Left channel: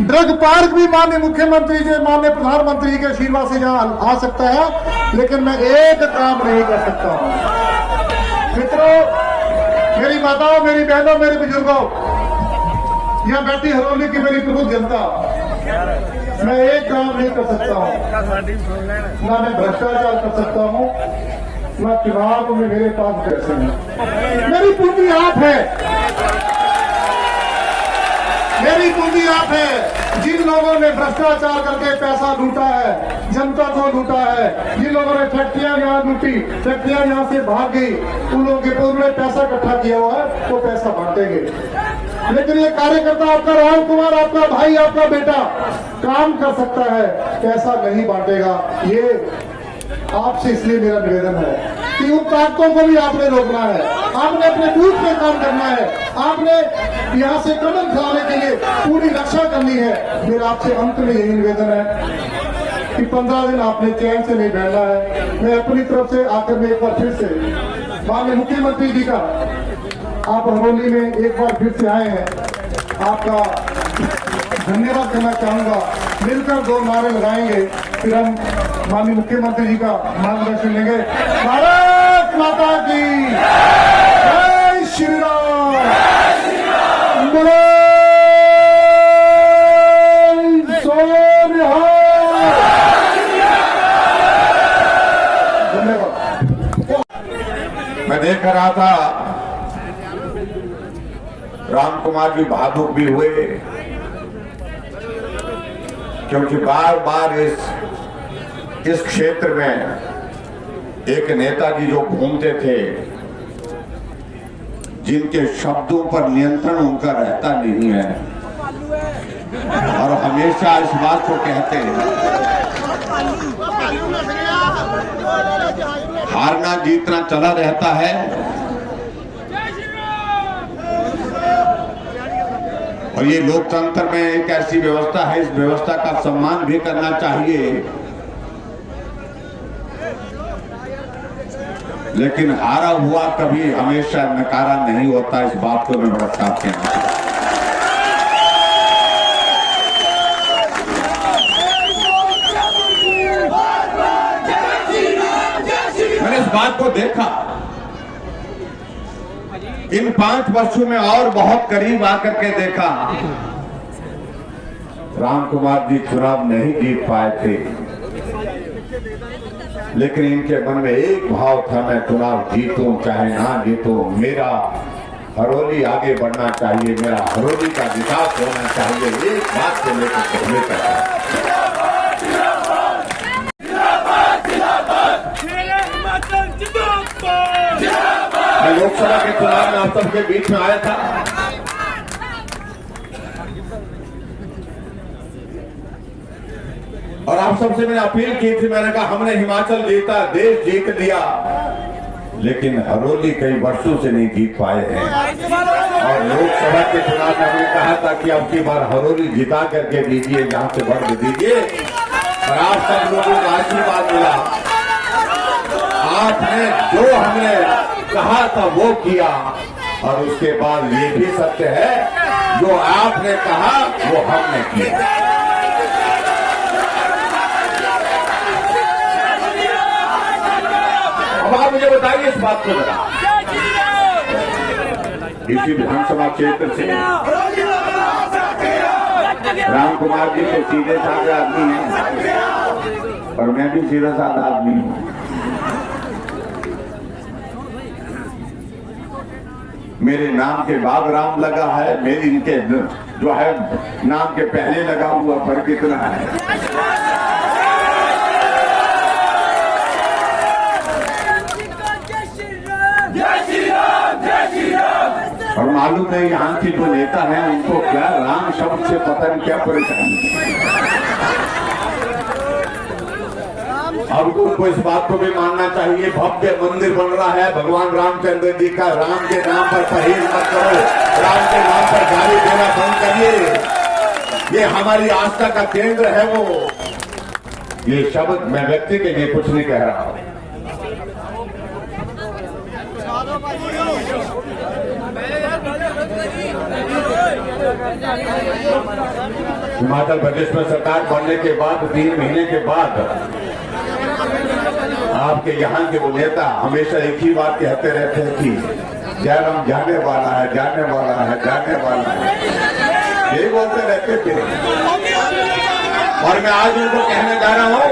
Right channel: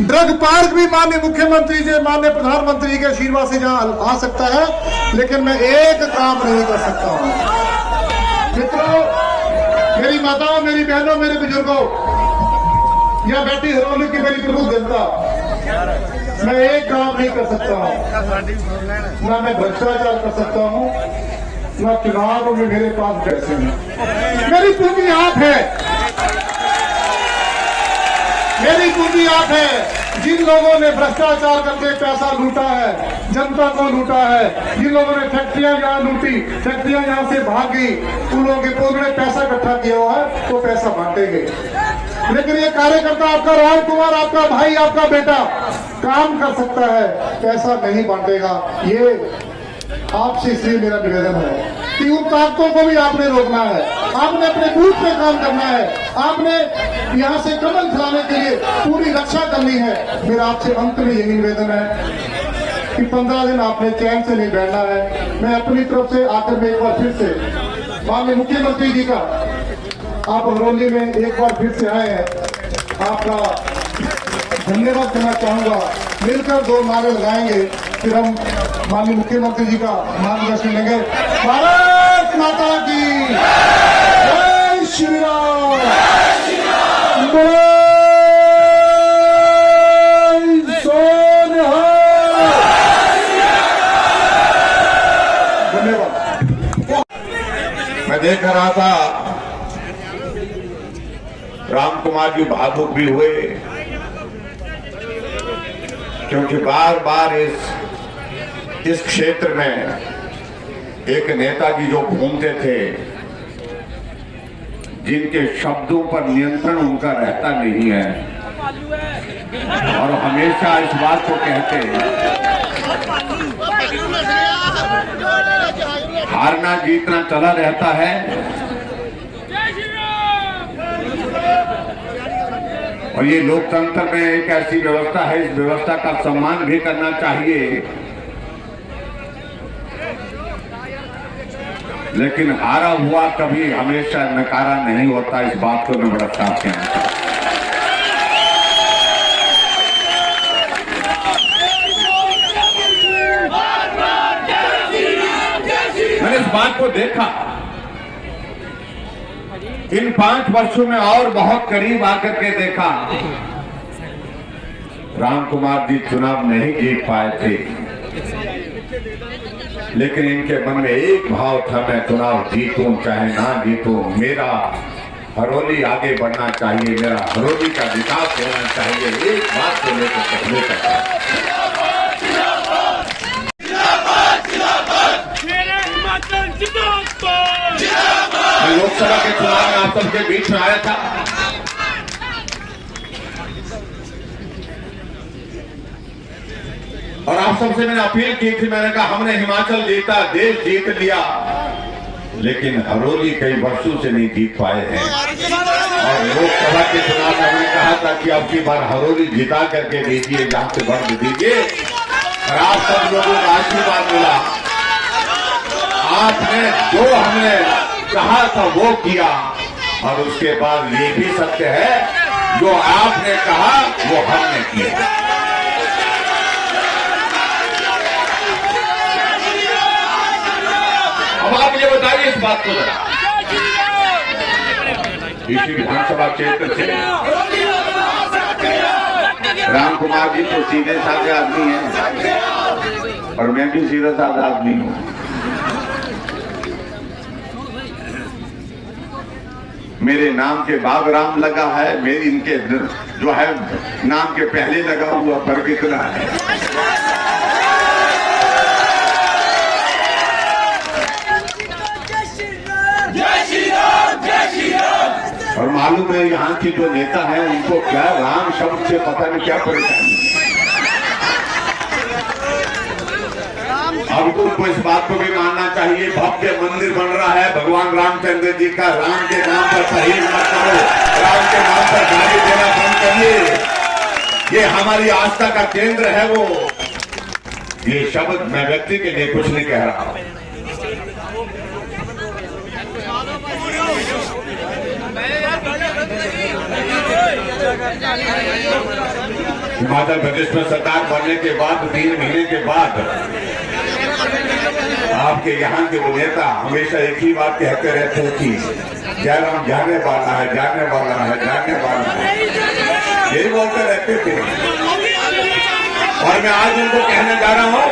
Drug park भी माननीय मुख्यमंत्री जी, माननीय प्रधानमंत्री के आशीर्वाद से जहाँ आ सकता है, लेकिन मैं एक काम नहीं कर सकता। मित्रों, मेरी माताओं, मेरी बहनों, मेरे बुजुर्गों, यहाँ बैठी हरोली की मेरी प्रभु जनता, मैं एक काम नहीं कर सकता हूँ, ना मैं भ्रष्टाचार कर सकता हूँ, ना चुनाव में मेरे पास पैसे हैं। मेरी पूंजी आप है, मेरी पूंजी आप है। जिन लोगों ने भ्रष्टाचार करके पैसा लूटा है, जनता को लूटा है, जिन लोगों ने फैक्ट्रियां जहां लूटी, फैक्ट्रियां जहां से भागी, उन लोगों के पूरे पैसा इकट्ठा किया हुआ है, तो पैसा बांटेंगे। लेकिन ये कार्यकर्ता आपका राम कुमार, आपका भाई, आपका बेटा काम कर सकता है, पैसा नहीं बांटेगा। ये आपसे इसलिए मेरा निवेदन है कि उन ताकतों को भी आपने रोकना है, आपने अपने बूथ पे काम करना है, आपने यहाँ से कदम खिलाने के लिए पूरी रक्षा करनी है। मेरा आपसे अंत में यही निवेदन है कि 15 दिन आपने चैन से नहीं बैठना है। मैं अपनी तरफ से आकर में एक बार फिर से माननीय मुख्यमंत्री जी का, आप हरोली में एक बार फिर से आए हैं, आपका धन्यवाद करना चाहूंगा। मिलकर 2 नारे लगाएंगे, फिर हम माननीय मुख्यमंत्री जी का मार्गदर्शन लेंगे। भारत माता की जय श्री राम, बोलो सोनिहाल। धन्यवाद। मैं देख रहा था राम कुमार जी भावुक भी हुए, क्योंकि बार बार इस क्षेत्र में एक नेताजी जो घूमते थे, जिनके शब्दों पर नियंत्रण उनका रहता नहीं है, और हमेशा इस बात को कहते हैं हारना जीतना चला रहता है। और ये लोकतंत्र में एक ऐसी व्यवस्था है, इस व्यवस्था का सम्मान भी करना चाहिए, लेकिन हारा हुआ कभी हमेशा नकारा नहीं होता। इस बात को मैं बड़ा साफ कहना चाहता हूं। मैंने इस बात को देखा इन 5 वर्षों में, और बहुत करीब आकर के देखा। राम कुमार जी चुनाव नहीं जीत पाए थे, लेकिन इनके मन में एक भाव था, मैं चुनाव जीतूं चाहे ना जीतूं, मेरा हरोली आगे बढ़ना चाहिए, मेरा हरोली का विकास होना चाहिए। एक बात को लेकर कहने का मैं लोकसभा के चुनाव में आप सबके बीच में आया था, और आप सबसे मैंने अपील की थी, मैंने कहा हमने हिमाचल जीता, देश जीत लिया, लेकिन हरोली कई वर्षों से नहीं जीत पाए हैं। और लोकसभा के चुनाव में हमने कहा था कि अब की बार हरोली जिता करके दीजिए, जहां से बढ़ दीजिए, और आप सब लोगों का आशीर्वाद मिला। आपने जो हमने कहा था वो किया, और उसके बाद ये भी सत्य है, जो आपने कहा वो हमने किया। अब आप मुझे बताइए इस बात को जरा, इसी विधानसभा क्षेत्र से राम कुमार जी तो सीधे साधे आदमी हैं, और मैं भी सीधा साधा आदमी हूं। मेरे नाम के बाद राम लगा है, मेरी इनके जो है नाम के पहले लगा हुआ फर्क इतना है। और मालूम है यहाँ की जो नेता है उनको क्या राम शब्द से पता नहीं क्या परेशानी है। अब तुमको इस बात को भी मानना चाहिए, भव्य मंदिर बन रहा है भगवान रामचंद्र जी का। राम के नाम पर परहेज मत करो, राम के नाम पर गाली देना बंद करिए। ये हमारी आस्था का केंद्र है। वो ये शब्द मैं व्यक्ति के लिए कुछ नहीं कह रहा हूं। हिमाचल प्रदेश में सरकार बनने के बाद 3 महीने के बाद आपके यहाँ के वो नेता हमेशा एक ही बात कहते रहते हैं कि जयराम जाने वाला है, जाने वाला है, जाने वाला है, यही बोलते रहते थे। और मैं आज इनको कहने जा रहा हूं,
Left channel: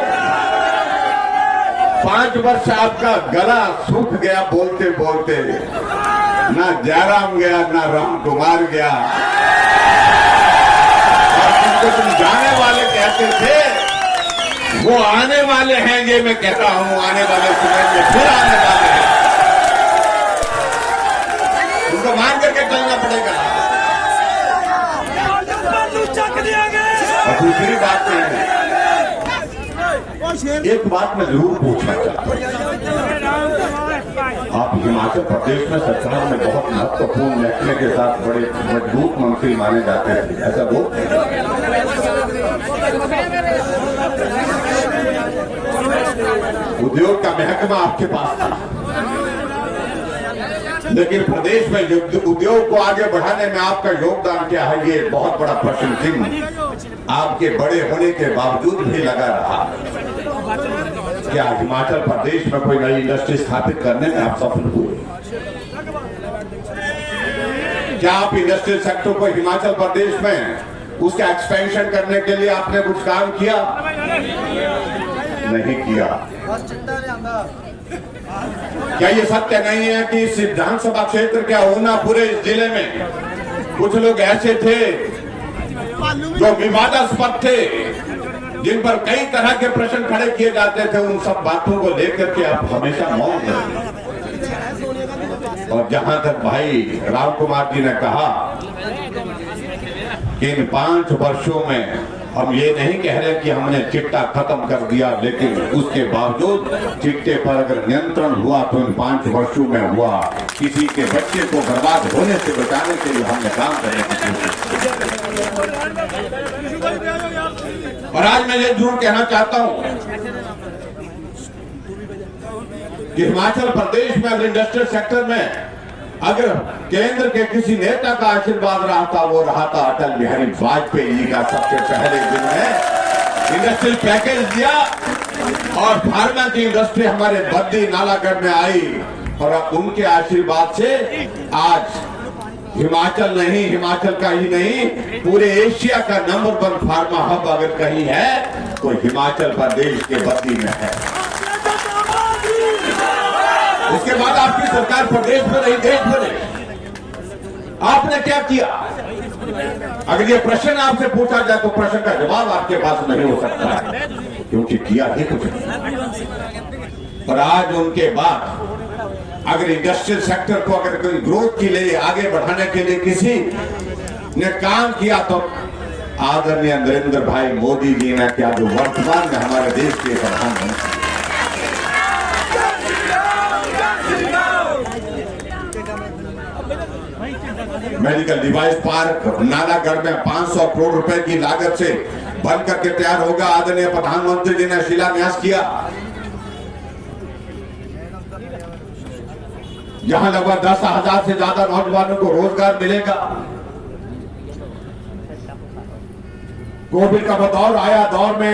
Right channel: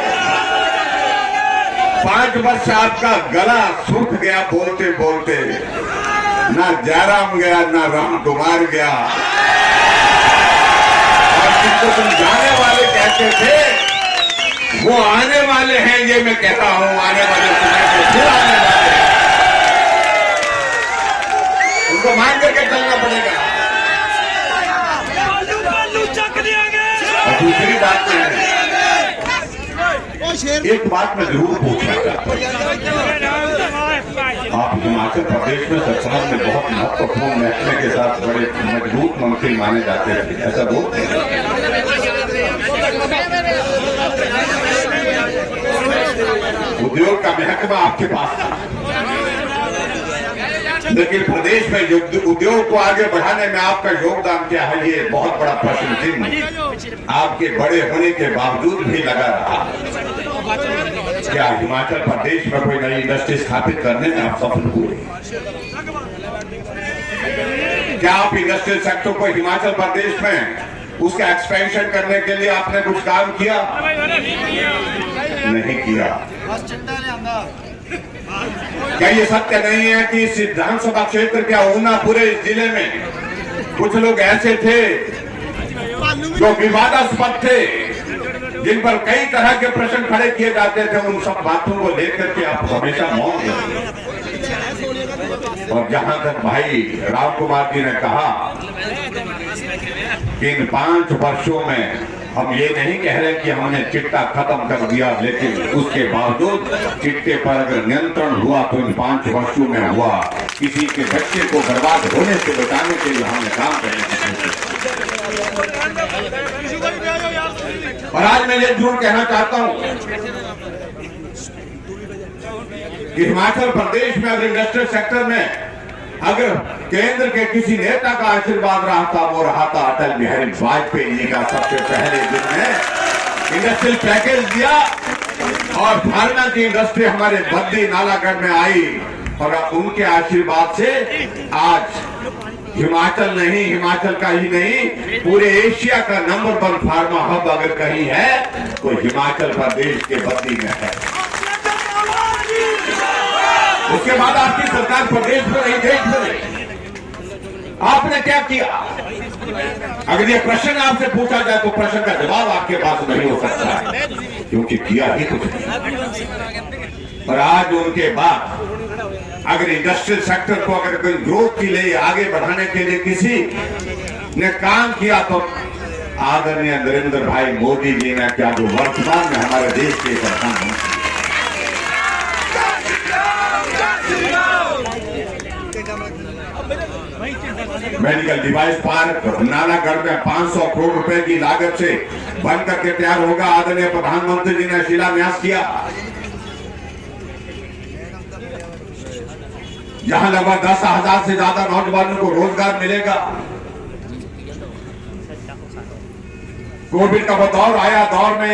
5 वर्ष आपका गला सूख गया बोलते बोलते, ना जयराम गया ना राम कुमार गया। और जिनको तुम जाने वाले कहते थे वो आने वाले हैं, ये मैं कहता हूं, आने वाले समय में फिर आने वाले हैं, उनको मान करके चलना पड़ेगा। और दूसरी बात है, एक बात मैं जरूर पूछना चाहता हूं, आप हिमाचल प्रदेश में सरकार में बहुत महत्वपूर्ण महकमे के साथ बड़े मजबूत मंत्री माने जाते थे, ऐसा बोलते हैं। उद्योग का महकमा आपके पास था, लेकिन प्रदेश में उद्योग को आगे बढ़ाने में आपका योगदान क्या है, ये बहुत बड़ा प्रश्न चिन्ह आपके बड़े होने के बावजूद भी लगा रहा। क्या हिमाचल प्रदेश में कोई नई इंडस्ट्री स्थापित करने में आप सफल हुए? क्या आप इंडस्ट्रियल सेक्टर को हिमाचल प्रदेश में उसका एक्सपेंशन करने के लिए आपने कुछ काम किया? नहीं किया। क्या ये सत्य नहीं है कि इस विधानसभा क्षेत्र के ऊना पूरे जिले में कुछ लोग ऐसे थे जो विवादास्पद थे, जिन पर कई तरह के प्रश्न खड़े किए जाते थे, उन सब बातों को लेकर के आप हमेशा मौन रहे। और जहां तक भाई राम कुमार जी ने कहा कि इन 5 वर्षों में हम ये नहीं कह रहे कि हमने चिट्टा खत्म कर दिया, लेकिन उसके बावजूद चिट्टे पर अगर नियंत्रण हुआ तो इन 5 वर्षों में हुआ। किसी के बच्चे को बर्बाद होने से बचाने के लिए हमने काम करने की कोशिश की। और आज मैं ये जरूर कहना चाहता हूं कि हिमाचल प्रदेश में अगर इंडस्ट्रियल सेक्टर में अगर केंद्र के किसी नेता का आशीर्वाद रहा था, वो रहा था अटल बिहारी वाजपेयी जी का। सबसे पहले जिन्होंने इंडस्ट्रियल पैकेज दिया और फार्मा की इंडस्ट्री हमारे बद्दी नालागढ़ में आई, और अब उनके आशीर्वाद से आज हिमाचल नहीं, हिमाचल का ही नहीं, पूरे एशिया का नंबर 1 फार्मा हब अगर कहीं है तो हिमाचल प्रदेश के बद्दी में है। उसके बाद आपकी सरकार प्रदेश में नहीं, देश में नहीं। आपने क्या किया? अगर ये प्रश्न आपसे पूछा जाए तो प्रश्न का जवाब आपके पास नहीं हो सकता, क्योंकि किया ही कुछ नहीं। और आज उनके बाद अगर इंडस्ट्रियल सेक्टर को अगर कोई ग्रोथ के लिए आगे बढ़ाने के लिए किसी ने काम किया तो आदरणीय नरेंद्र भाई मोदी जी ने क्या, जो वर्तमान में हमारे देश के प्रधानमंत्री। मेडिकल डिवाइस पार्क नालागढ़ में 500 करोड़ रुपए की लागत से बन करके तैयार होगा। आदरणीय प्रधानमंत्री जी ने शिलान्यास किया। यहां लगभग 10,000 से ज्यादा नौजवानों को रोजगार मिलेगा। कोविड का दौर आया, दौर में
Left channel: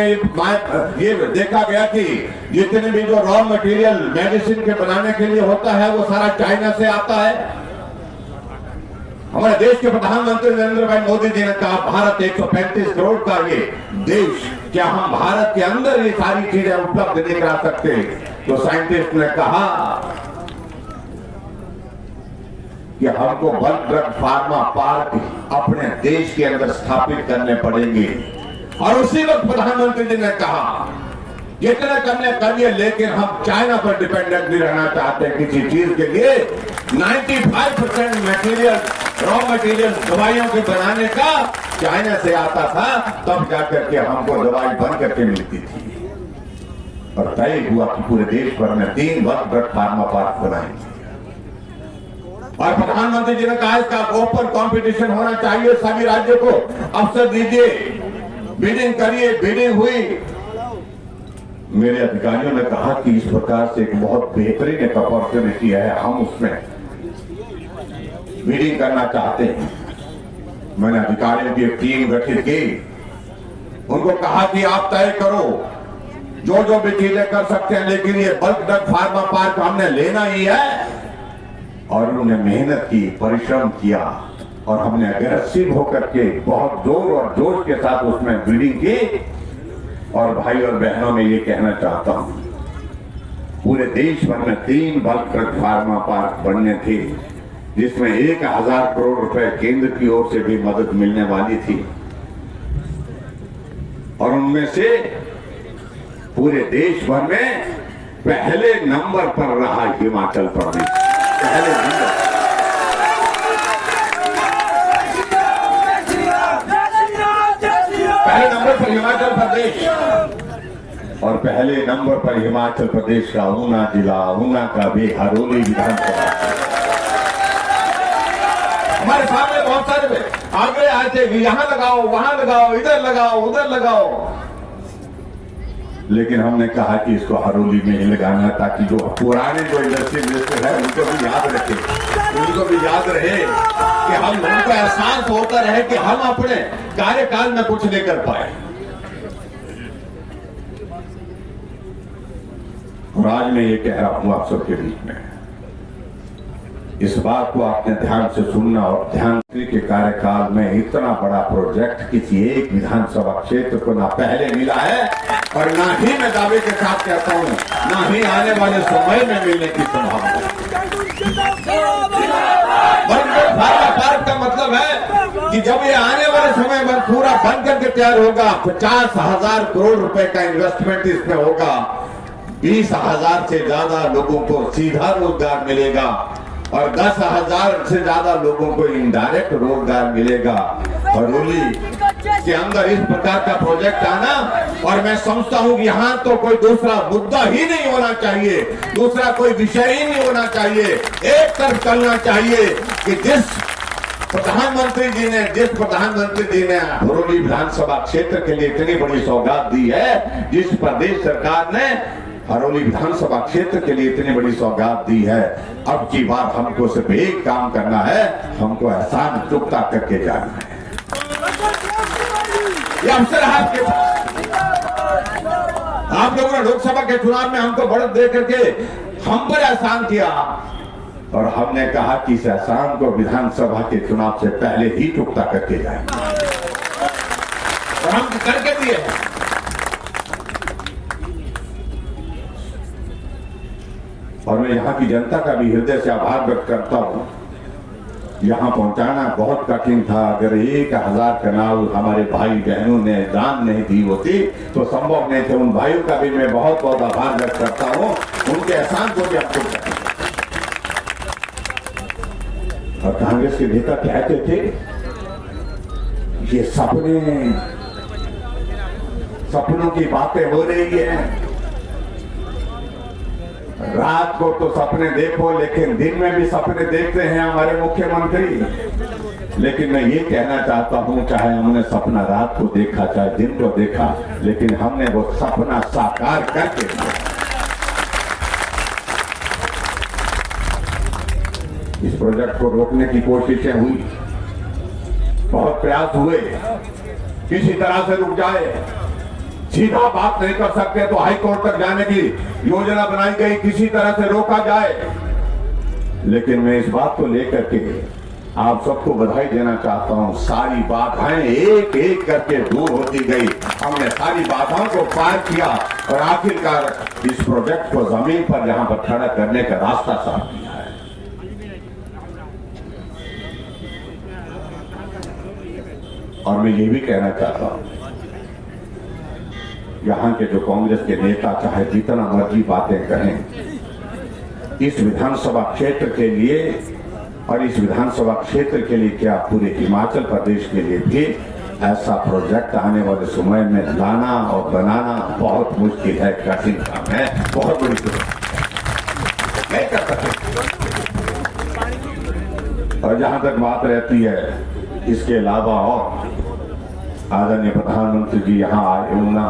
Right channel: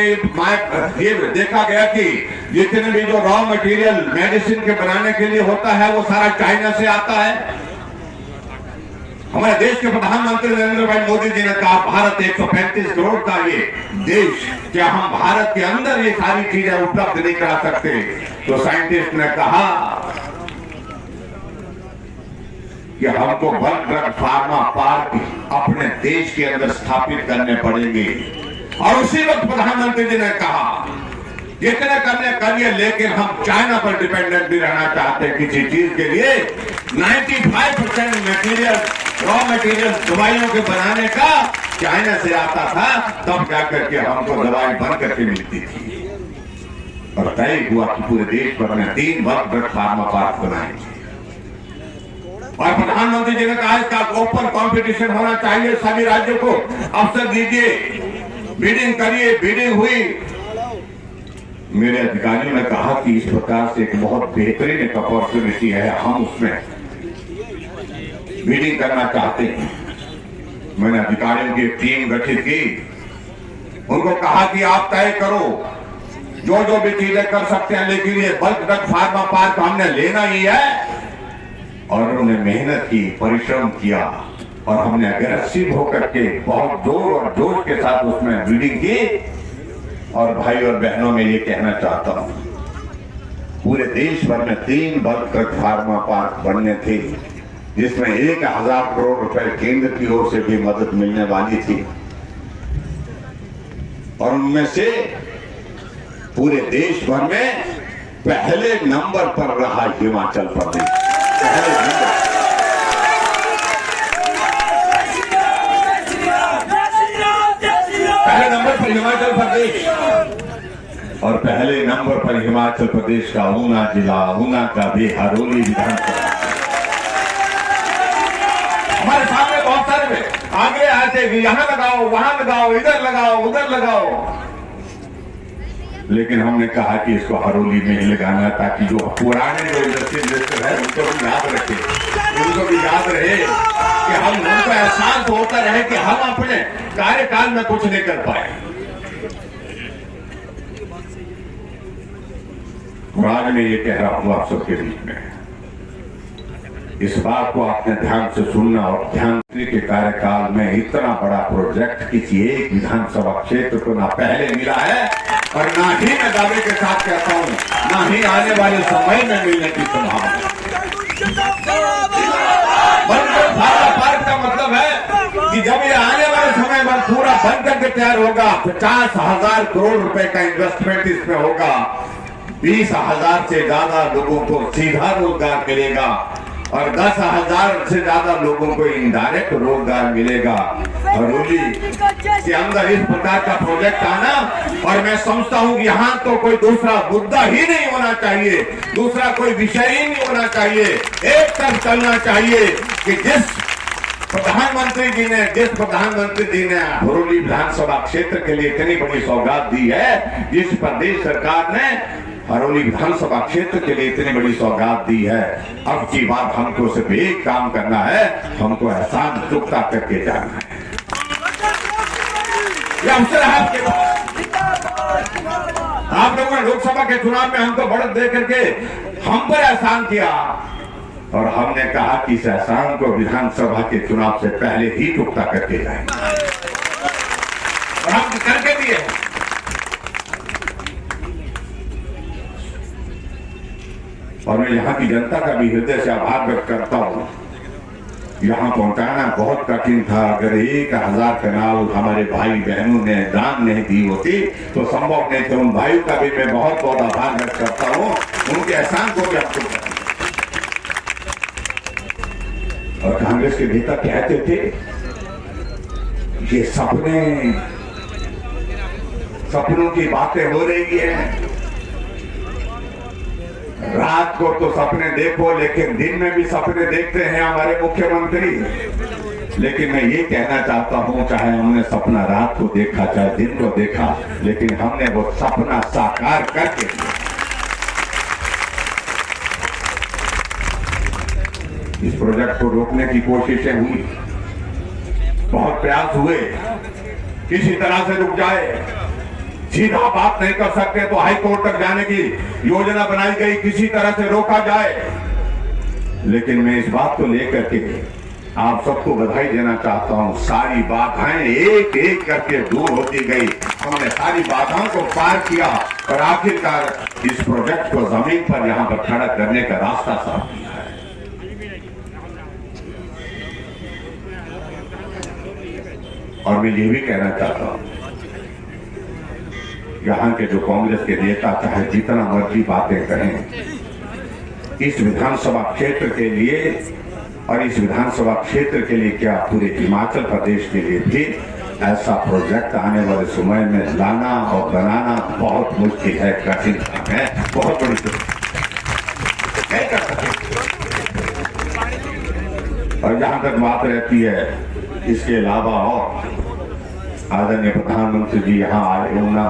ये देखा गया कि जितने भी जो रॉ मटेरियल मेडिसिन के बनाने के लिए होता है वो सारा चाइना से आता है। हमारे देश के प्रधानमंत्री नरेंद्र भाई मोदी जी ने कहा भारत 135 करोड़ का ये देश, क्या हम भारत के अंदर ये सारी चीजें उपलब्ध नहीं करा सकते? तो साइंटिस्ट ने कहा कि हमको वन ड्रग फार्मा पार्क अपने देश के अंदर स्थापित करने पड़ेंगे। और उसी वक्त प्रधानमंत्री जी ने कहा जितने करने करिए, लेकिन हम चाइना पर डिपेंडेंट नहीं रहना चाहते किसी चीज के लिए। 95% मटेरियल, रॉ मटेरियल दवाइयों के बनाने का चाइना से आता था, तब जाकर के हमको दवाई बन करके मिलती थी। और तय हुआ कि पूरे देश भर में 3 वन ड्रग फार्मा पार्क बनाएंगे। और प्रधानमंत्री जी ने कहा इसका ओपन कंपटीशन होना चाहिए, सभी राज्यों को अवसर दीजिए, बिडिंग करिए। बिडिंग हुई। मेरे अधिकारियों ने कहा कि इस प्रकार से एक बहुत बेहतरीन एक अपॉर्चुनिटी है, हम उसमें बिडिंग करना चाहते हैं। मैंने अधिकारियों की एक टीम गठित की उनको कहा कि आप तय करो जो जो भी चीजें कर सकते हैं, लेकिन ये बल्क ड्रग फार्मा पार्क हमने लेना ही है। और उन्होंने मेहनत की, परिश्रम किया और हमने अग्रेसिव होकर के बहुत जोर और जोश के साथ उसमें बिल्डिंग की। और भाई और बहनों में ये कहना चाहता हूं, पूरे देश भर में 3 बल्क ड्रग फार्मा पार्क बनने थे, जिसमें 1000 करोड़ रुपए केंद्र की ओर से भी मदद मिलने वाली थी। और उनमें से पूरे देश भर में पहले नंबर पर रहा हिमाचल प्रदेश। पहले नंबर पर हिमाचल प्रदेश, और पहले नंबर पर हिमाचल प्रदेश का ऊना जिला, ऊना का भी हरोली विधानसभा। हमारे सामने बहुत सारे में आंकड़े आते कि यहां लगाओ, वहां लगाओ, इधर लगाओ, उधर लगाओ, लेकिन हमने कहा कि इसको हरोली में ही लगाना, ताकि जो पुराने जो इंडस्ट्रियल मिनिस्टर है उनको भी याद रखे, उनको भी याद रहे कि हम लोगों को एहसास होता रहे कि हम अपने कार्यकाल में कुछ नहीं कर पाए। और आज मैं ये कह रहा हूं आप सबके बीच में, इस बात को आपने ध्यान से सुनना और ध्यान के कार्यकाल में इतना बड़ा प्रोजेक्ट किसी एक विधानसभा क्षेत्र को ना पहले मिला है और ना ही मैं दावे के साथ कहता हूं ना ही आने वाले समय में मिलने की संभावना है। पार्क का मतलब है कि जब ये आने वाले समय में पूरा बन करके तैयार होगा, 50,000 करोड़ रुपए का इन्वेस्टमेंट इसमें होगा, 20,000 से ज्यादा लोगों को सीधा रोजगार मिलेगा और 10,000 से ज्यादा लोगों को इनडायरेक्ट रोजगार मिलेगा। हरोली के अंदर इस प्रकार का प्रोजेक्ट आना, और मैं समझता हूं कि यहां तो कोई दूसरा मुद्दा ही नहीं होना चाहिए, दूसरा कोई विषय ही नहीं होना चाहिए। एक तरफ चलना चाहिए कि जिस प्रधानमंत्री जी ने हरोली विधानसभा क्षेत्र के लिए इतनी बड़ी सौगात दी है, जिस प्रदेश सरकार ने हरोली विधानसभा क्षेत्र के लिए इतनी बड़ी सौगात दी है, अब की बार हमको सिर्फ एक काम करना है, हमको एहसान चुकता करके जाना है। ये अवसर है आपके पास। आप लोगों ने लोकसभा के चुनाव में हमको बढ़त दे करके हम पर एहसान किया, और हमने कहा कि इस एहसान को विधानसभा के चुनाव से पहले ही चुकता करके जाएंगे, और हम करके दिए हैं। और मैं यहाँ की जनता का भी हृदय से आभार व्यक्त करता हूँ। यहाँ पहुंचाना बहुत कठिन था। अगर 1000 कनाल हमारे भाई बहनों ने दान नहीं दी होती तो संभव नहीं था। उन भाइयों का भी मैं बहुत बहुत आभार व्यक्त करता हूँ, उनके एहसान को भी आपको। और कांग्रेस के नेता कहते थे ये सपनों की बातें हो रही हैं, रात को तो सपने देखो लेकिन दिन में भी सपने देखते हैं हमारे मुख्यमंत्री। लेकिन मैं ये कहना चाहता हूं, चाहे हमने सपना रात को देखा चाहे दिन को देखा, लेकिन हमने वो सपना साकार करके दिया। इस प्रोजेक्ट को रोकने की कोशिशें हुई, बहुत प्रयास हुए, किसी तरह से रुक जाए। सीधा बात नहीं कर सकते तो हाई कोर्ट तक जाने की योजना बनाई गई, किसी तरह से रोका जाए। लेकिन मैं इस बात को लेकर के आप सबको बधाई देना चाहता हूं, सारी बाधाएं एक एक करके दूर होती गई। हमने सारी बाधाओं को पार किया और आखिरकार इस प्रोजेक्ट को जमीन पर यहां पर खड़ा करने का रास्ता साफ किया है। और मैं ये भी कहना चाहता हूं, यहाँ के जो कांग्रेस के नेता चाहे जितना मर्जी बातें कहें, इस विधानसभा क्षेत्र के लिए और इस विधानसभा क्षेत्र के लिए क्या पूरे हिमाचल प्रदेश के लिए भी ऐसा प्रोजेक्ट आने वाले समय में लाना और बनाना बहुत मुश्किल है, कठिन काम है, बहुत बड़ी नहीं कर सकते। और जहां तक बात रहती है, इसके अलावा और आदरणीय प्रधानमंत्री जी यहाँ आए होना,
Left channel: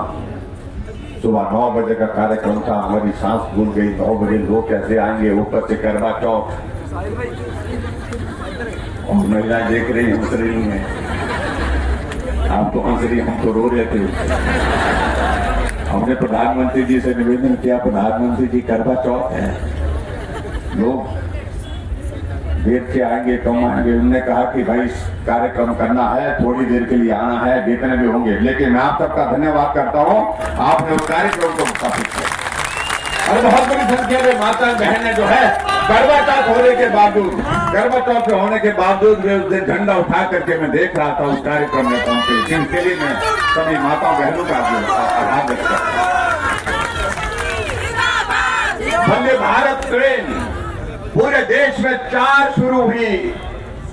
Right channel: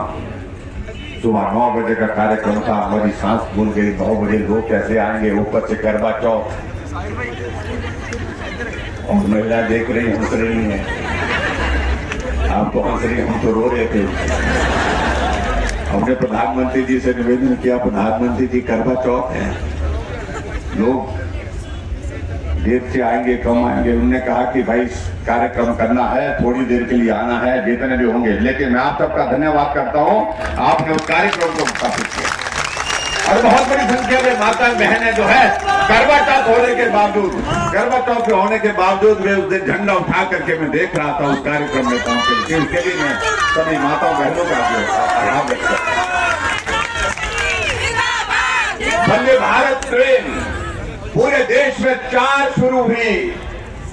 सुबह 9 बजे का कार्यक्रम था, हमारी सांस भूल गई। 9 बजे लोग कैसे आएंगे, ऊपर से करवा चौथ और महिला देख रही हैं, उतर रही हैं। आप तो हंस रही, हम तो रो रहे थे। हमने प्रधानमंत्री जी से निवेदन किया, प्रधानमंत्री जी करवा चौथ है, लोग देर से आएंगे कम आएंगे। उन्होंने कहा कि भाई कार्यक्रम करना है, थोड़ी देर के लिए आना है, जितने भी होंगे। लेकिन मैं आप सबका धन्यवाद करता हूं, आपने उस कार्यक्रम को स्थापित किया और बहुत बड़ी संख्या में माता बहनें जो है करवा चौथ होने के बावजूद, करवा चौथ होने के बावजूद वे उस दिन झंडा उठा करके मैं देख रहा था उस कार्यक्रम में पहुंचे। इसके लिए मैं सभी माता बहनों का आभार व्यक्त करता हूं। वंदे भारत ट्रेन पूरे देश में 4 शुरू हुई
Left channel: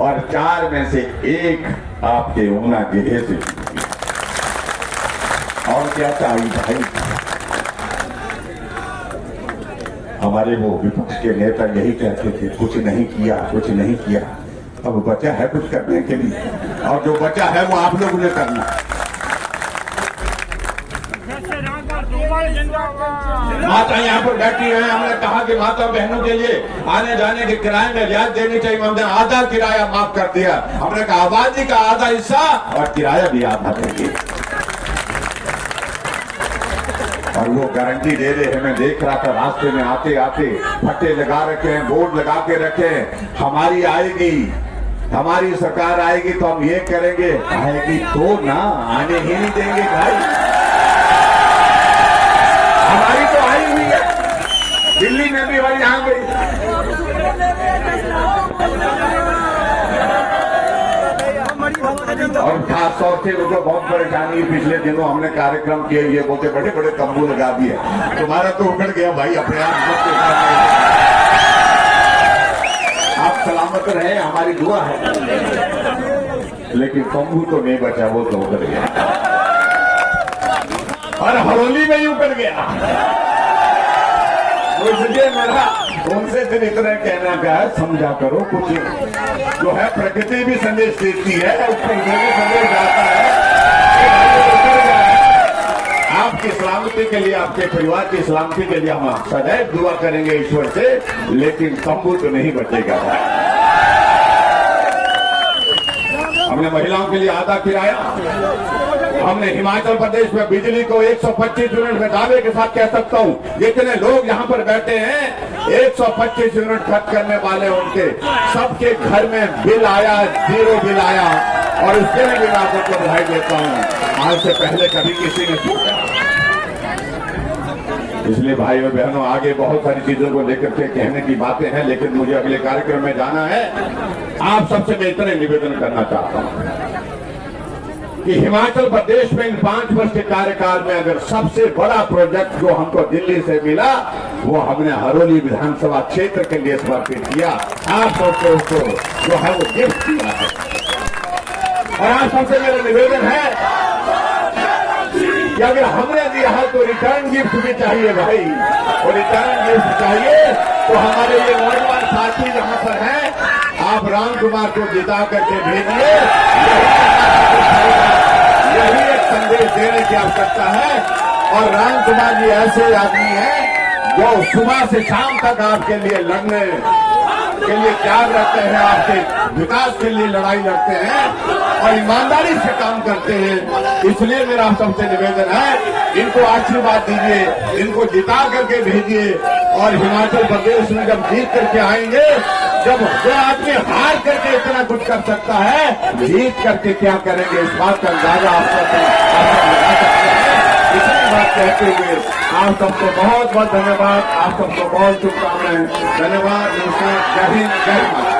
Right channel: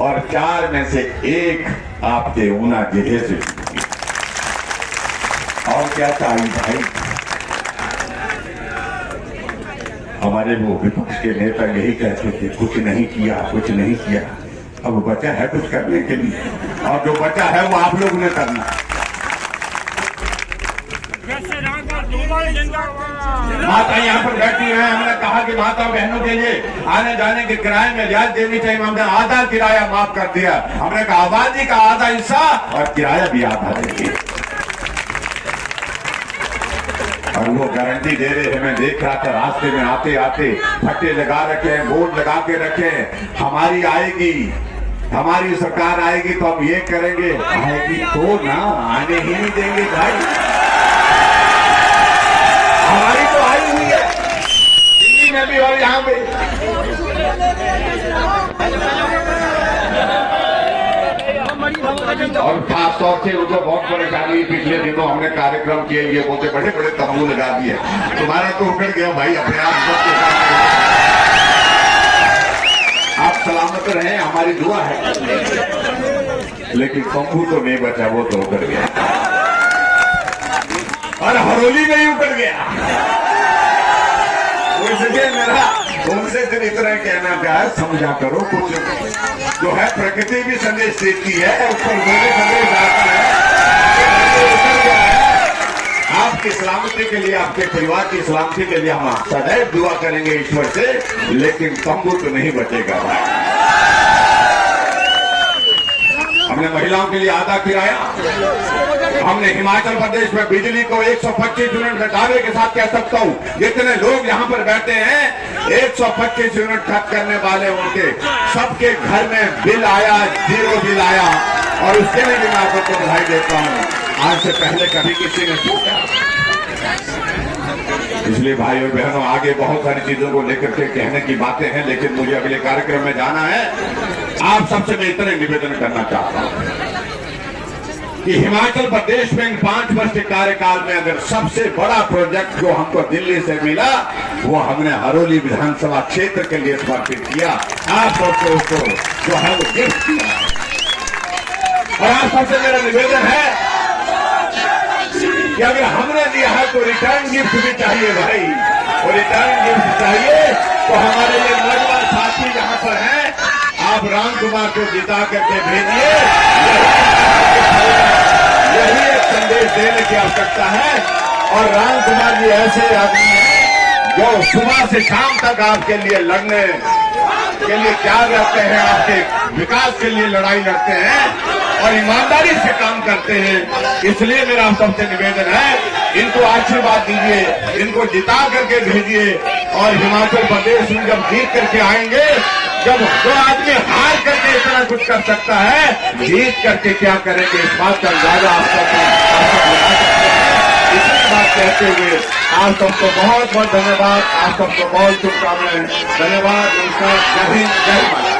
और 4 में से 1 आपके ऊना जिले से। और क्या चाहिए भाई? हमारे वो विपक्ष के नेता यही कहते थे कुछ नहीं किया, कुछ नहीं किया। अब बचा है कुछ करने के लिए, और जो बचा है वो आप लोगों ने करना। माता यहाँ पर बैठी हुई है, हमने कहा कि माता बहनों के लिए आने जाने के किराए में रियायत देनी चाहिए। हमने आधा किराया माफ कर दिया। हमने कहा आबादी का आधा हिस्सा और किराया भी आधा देंगे, और वो गारंटी दे रहे हैं। मैं देख रहा था रास्ते में आते आते फट्टे लगा रखे हैं, बोर्ड लगा के रखे हैं, हमारी आएगी, हमारी सरकार आएगी तो हम ये करेंगे। आएगी तो ना, आने ही नहीं देंगे भाई। हमारी तो आई हुई है, दिल्ली में भी और यहाँ भी। और खास तौर से उनको बहुत परेशानी हुई। पिछले दिनों हमने कार्यक्रम के लिए बोलते बड़े बड़े तंबू लगा दिए। तुम्हारा तो उखड़ गया भाई अपने आप सबके साथ। आप सलामत रहें, हमारी दुआ है। लेकिन तंबू तो नहीं बचा, वो तो उखड़ गया और हरोली में ही उखड़ गया। इसलिए मेरा उनसे सिर्फ इतना कहना क्या है, समझा करो कुछ जो है प्रकृति भी संदेश देती है, ऊपर संदेश जाता है। आपकी सलामती के लिए, आपके परिवार की सलामती के लिए हम सदैव दुआ करेंगे ईश्वर से, लेकिन तंबू तो नहीं बचेगा। हमने महिलाओं के लिए आधा किराया, हमने हिमाचल प्रदेश में बिजली को 125 यूनिट में दावे के साथ कह सकता हूं, जितने लोग यहाँ पर बैठे हैं 125 यूनिट खर्च करने वाले उनके सबके घर में बिल आया, 0 बिल आया। और इसके लिए मैं आप सबको बधाई देता हूं। आज से पहले कभी किसी ने पूछा। इसलिए भाई और बहनों, आगे बहुत सारी चीजों को लेकर के कहने की बातें हैं, लेकिन मुझे अगले कार्यक्रम में जाना है। आप सबसे मैं इतना निवेदन करना चाहता हूं कि हिमाचल प्रदेश में इन 5 वर्ष के कार्यकाल में अगर सबसे बड़ा प्रोजेक्ट जो हमको दिल्ली से मिला, वो हमने हरोली विधानसभा क्षेत्र के लिए समर्पित किया। आप सबसे उसको जो है वो गिफ्ट किया है। और आप सबसे मेरा निवेदन है कि अगर हमने दिया है तो रिटर्न गिफ्ट भी चाहिए भाई। और रिटर्न गिफ्ट चाहिए तो हमारे लिए नौजवान साथी जहां पर हैं, आप राम कुमार को जिता करके भेजिए। यही एक संदेश देने की आवश्यकता है। और राम कुमार जी ऐसे आदमी हैं जो सुबह से शाम तक आपके लिए लड़ने के लिए तैयार रहते हैं, आपके विकास के लिए लड़ाई लड़ते हैं और ईमानदारी से काम करते हैं। इसलिए मेरा आप सबसे निवेदन है, इनको आशीर्वाद दीजिए, इनको जिता करके भेजिए। और हिमाचल प्रदेश में जब जीत करके आएंगे, जब जो आदमी हार करके इतना कुछ कर सकता है, जीत करके क्या करेंगे इस बात का अंदाजा आपको लगा सकते हैं। इसलिए बात कहते हुए आप सबको बहुत बहुत धन्यवाद, आप सबको बहुत शुभकामनाएं। धन्यवाद, नमस्कार, जय हिंद, जय भारत।